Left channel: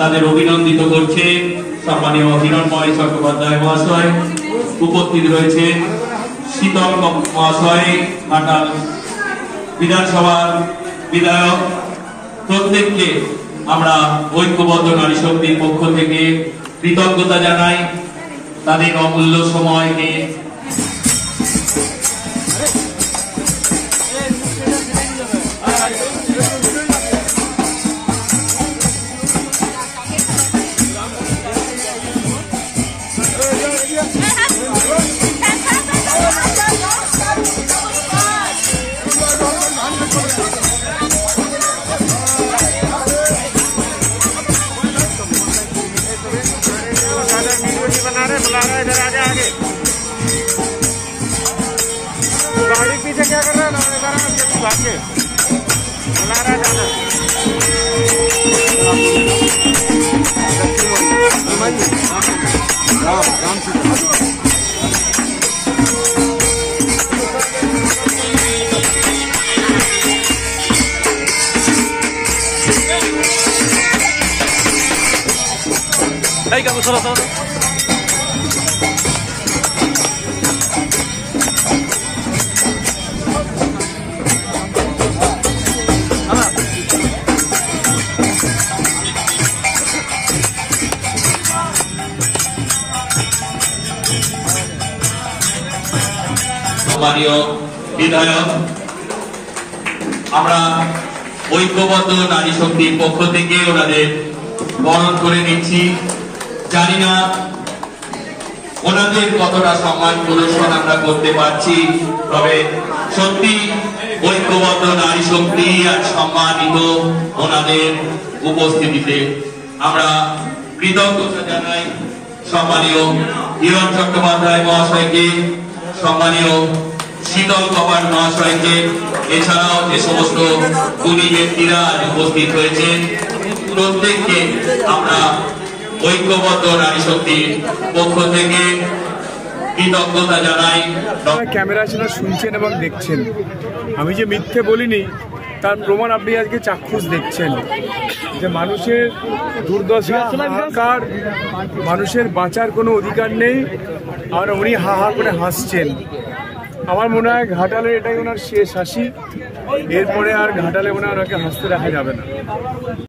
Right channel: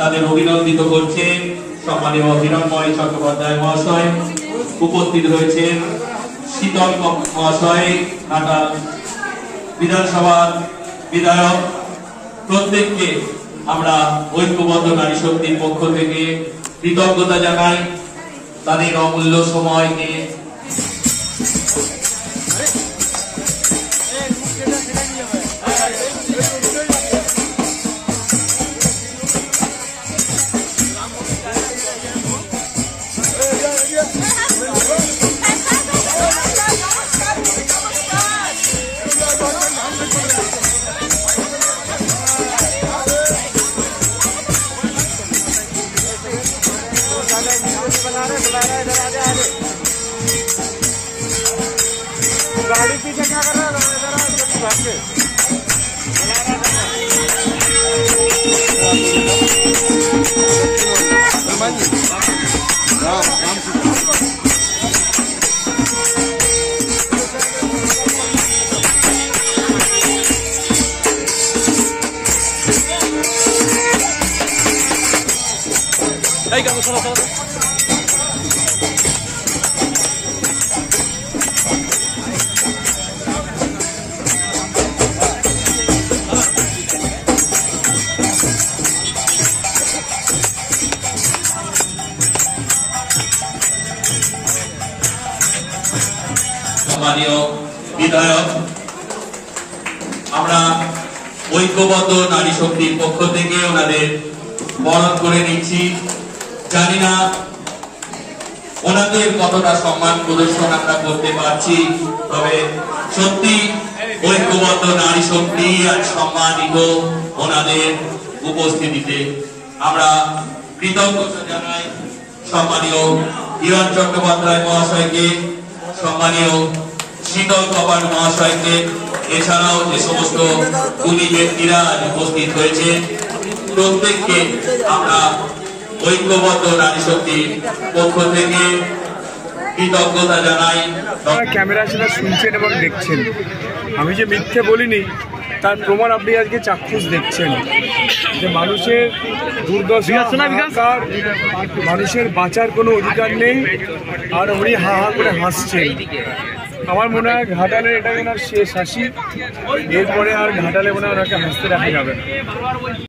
তাদের অভিনন্দিত করছে সম্মানীয় হিরণময় চট্টোপাধ্যায় মহাশয়। উপস্থিত রয়েছে শীতল মহাশয়, ঘাটাল বিধানসভার বিধায়ক। প্রত্যেককে আমরা ঐক্যবদ্ধ নারী শক্তির পক্ষ থেকে কৃতজ্ঞতা জানাই তাদের অমূল্য সময় নিয়ে। बुला रहा है इधर आगे आगे गाड़ी पीछे क्या कर रहा है बुला रहा है चलो সম্মানীয় বিধায়ক, আমরা ঐক্যবদ্ধ নারী শক্তির পক্ষ থেকে ওনাদের বরণ করে নিচ্ছি। জানি না ওনাদের কতটা সম্মান প্রদর্শন আমরা করতে পারছি, তবে সত্যি ঐক্যবদ্ধ নারী শক্তি আজ সম্মানিত ওনাদের উপস্থিতিতে। আমরা কৃতজ্ঞতা জানাই সম্মানীয় হিরণ চট্টোপাধ্যায় মহাশয়কে, সম্মানীয় শীতল কপাল মহাশয়কে, এছাড়াও যে সমস্ত গুণী ব্যক্তিরা আজ উপস্থিত হয়েছেন প্রত্যেককে আমরা ঐক্যবদ্ধ নারী শক্তির পক্ষ থেকে কৃতজ্ঞতা জানাই। ক্যামেরা সেটা শুনছেন এবং দেখছেন, আমি যে মিথ্যে বলিনি তার প্রমাণ আপনি আজকে চাক্ষুষ দেখছেন যে মানুষের দুর্দশা, হাহাকার, মানুষের বাঁচার কোনো অধিকার নেই, আর উনি হা হা করে হাসছেন। আমার মনে হয় ঘাটালে এটাই ওনার শেষ হাসি, এরপরে আর ঘাটালে মনে হয় ওনাকে হাসতে রাখা যাবে না।